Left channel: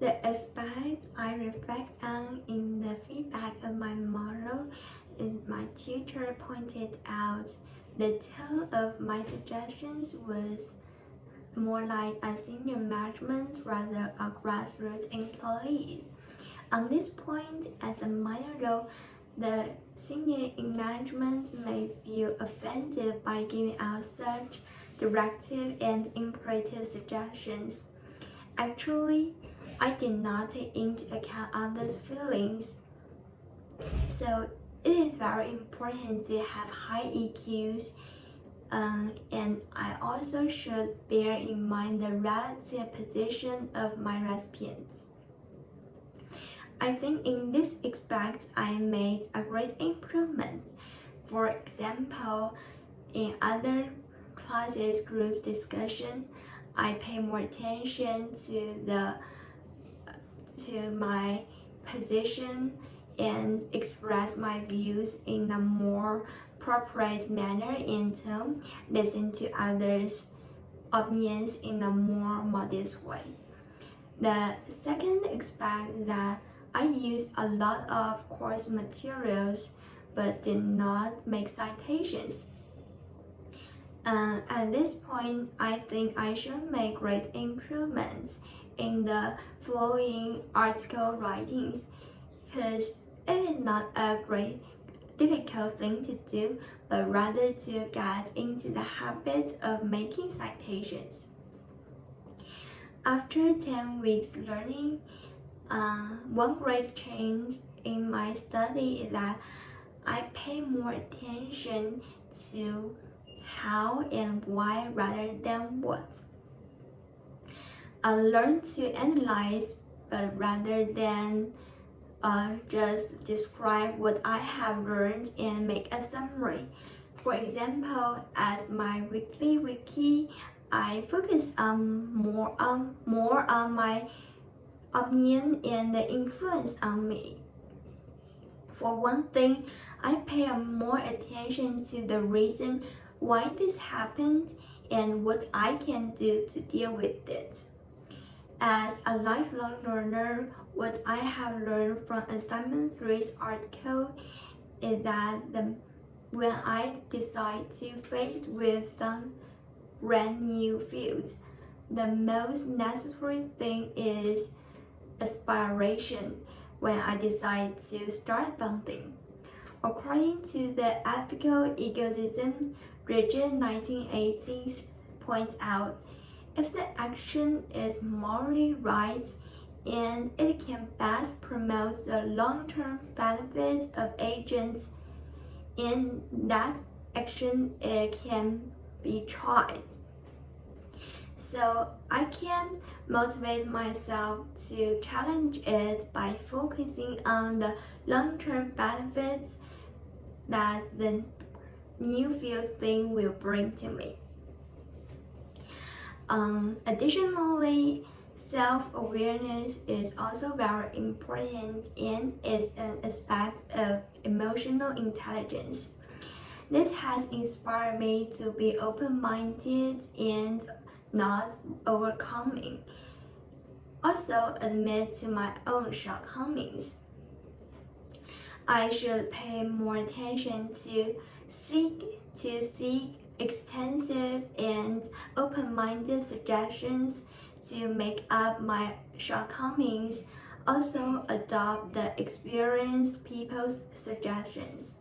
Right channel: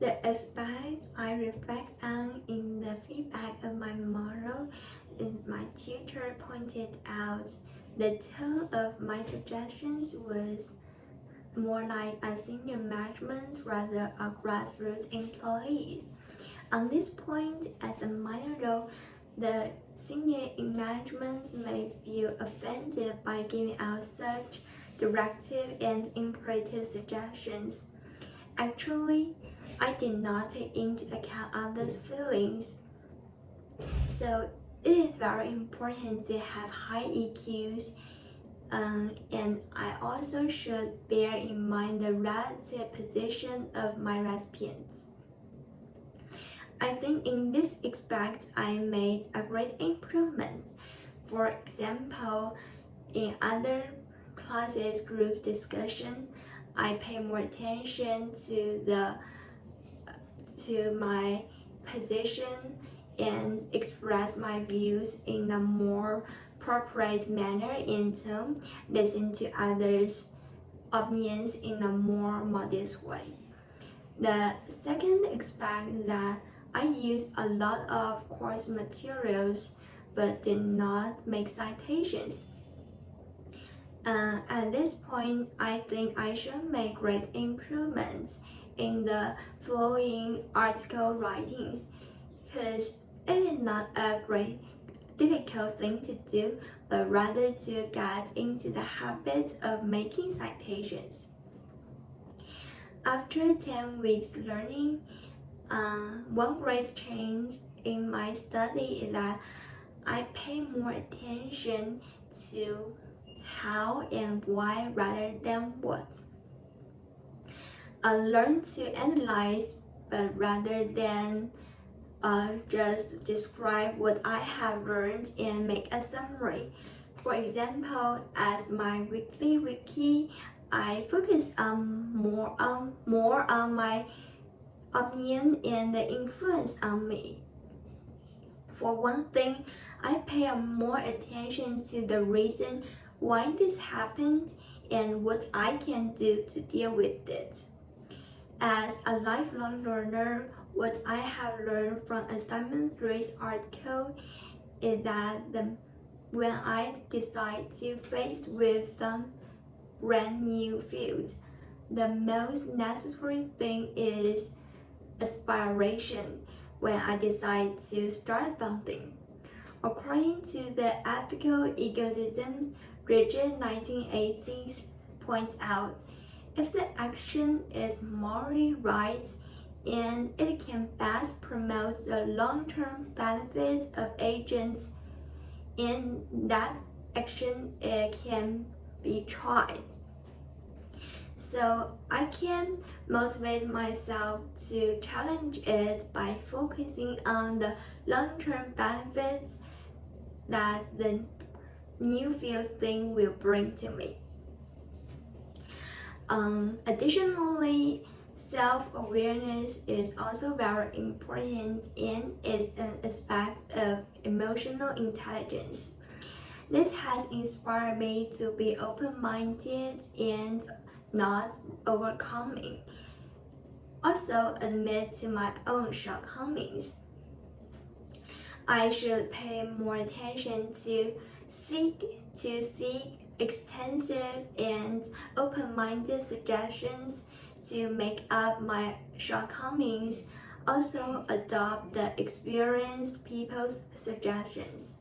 The aspects I reflect on in the feedback of my model is my tutor pointed out the tone of my suggestions was more like a senior management rather a grassroots employees. On this point, as a minor role, the senior in management may feel offended by giving out such directive and imperative suggestions. Actually, I did not take into account others' feelings. So it is very important to have high EQs, and I also should bear in mind the relative position of my recipients. I think in this aspect, I made a great improvement. For example, in other classes group discussion, I pay more attention to my position and express my views in a more appropriate manner and to listen to others' opinions in a more modest way. The second aspect that I used a lot of course materials but did not make citations. At this point, I think I should make great improvements in the flowing article writings because it is not a great difficult thing to do, but rather to get into the habit of making citations. After 10 weeks learning, one great change in my study is that I pay more attention to how and why rather than what. I learned to analyze, but rather than just describe what I have learned and make a summary. For example, as my weekly wiki, I focus more on my opinion and the influence on me. For one thing, I pay more attention to the reason why this happened and what I can do to deal with it. As a lifelong learner, what I have learned from assignment 3's article is that when I decide to face with some brand new fields, the most necessary thing is aspiration when I decide to start something. According to the ethical ecosystem, Bridget 1980 points out, if the action is morally right and it can best promote the long-term benefits of agents, in that action it can be tried. So I can motivate myself to challenge it by focusing on the long-term benefits that the new field thing will bring to me. Additionally, self-awareness is also very important and is an aspect of emotional intelligence. This has inspired me to be open-minded and not overcoming. Also admit to my own shortcomings. I should pay more attention to seek extensive and open-minded suggestions to make up my shortcomings. Also adopt the experienced people's suggestions.